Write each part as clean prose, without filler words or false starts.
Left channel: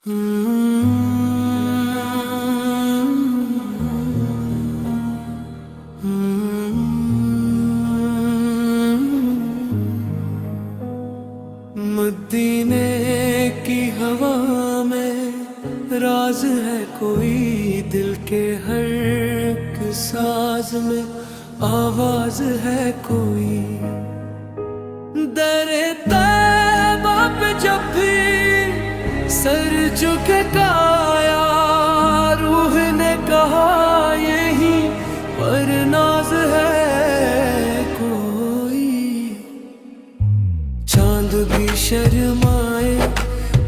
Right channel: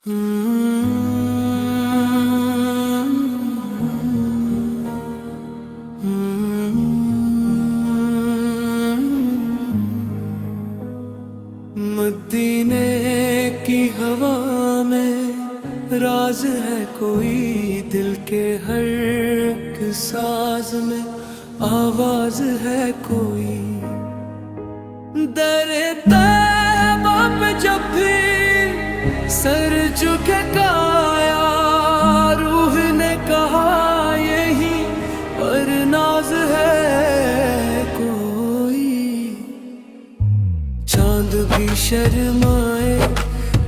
मदीने की हवा में राज है कोई, दिल के हर एक साज में आवाज है कोई। दरे तैबा पे जब भी सर झुके काया, रूह ने कहा यही पर नाज है कोई। चांद भी शर्माए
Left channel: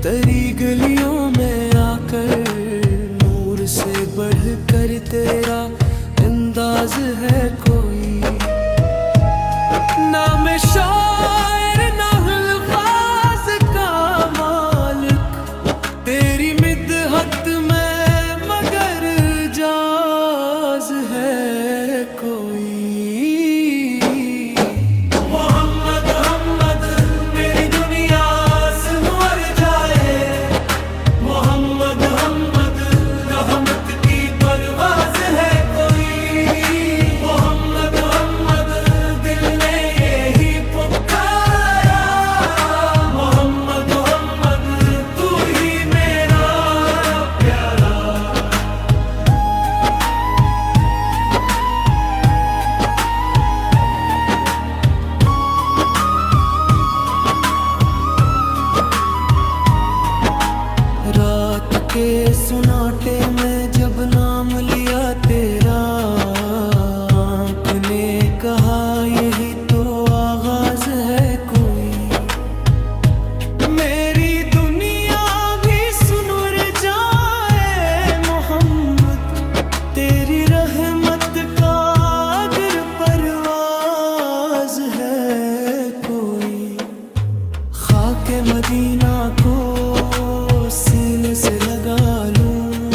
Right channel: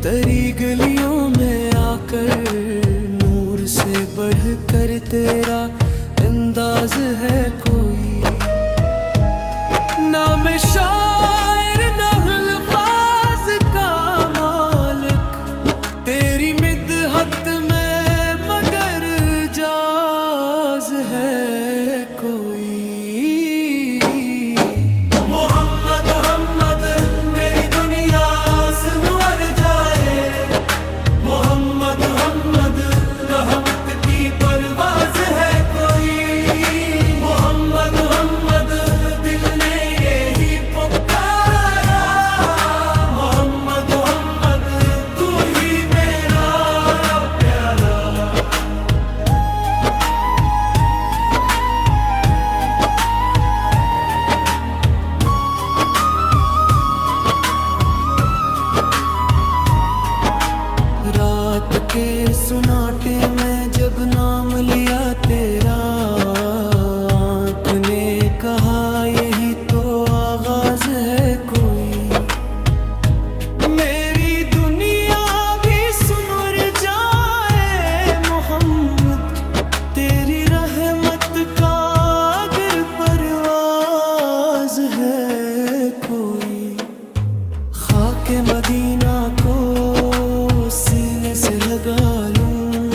तेरी गलियों में आकर, नूर से बढ़कर तेरा अंदाज है कोई। ना मैं शायर ना अल्फाज का मालिक, तेरी मिदहत में मगर जाज है कोई। रात के सुनाटे में जब नाम लिया तेरा, आँख ने कहा यही तो आगाज है कोई। मेरी दुनिया भी सुनुर जाए मोहम्मद, तेरी रहमत का अगर परवाज है कोई। खाके मदीना को सीने से लगा लूं,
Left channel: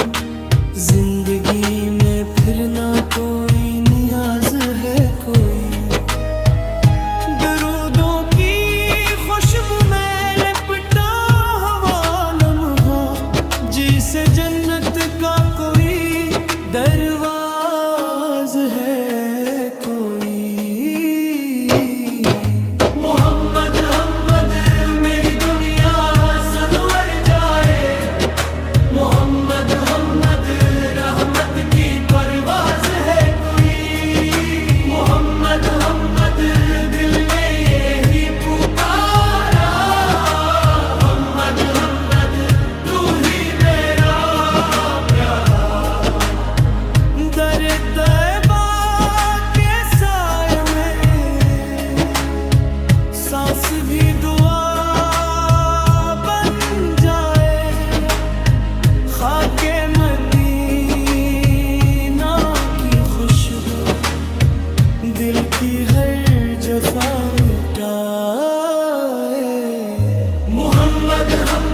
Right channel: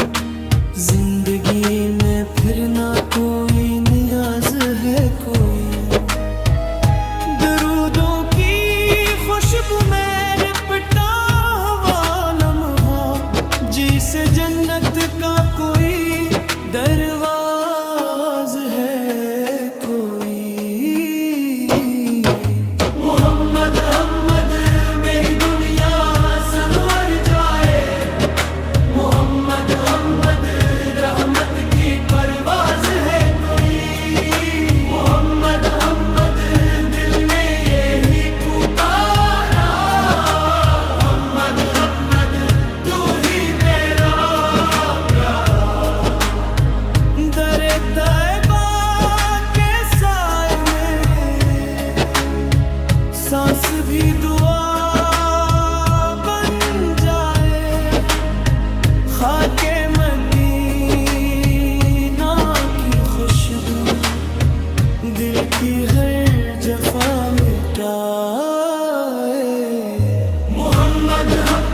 जिंदगी में फिर ना कोई नियाज है कोई। दरूदों की खुशबू में लिपटा हुआ लम्हा, जिसे जन्नत का कोई दरवाज है कोई। दरे तैबा के साए में सांस भी दुआ बन जाए। खाके मदीना की खुशबू दिल की हर जफा मिटाए। मोहम्मद हम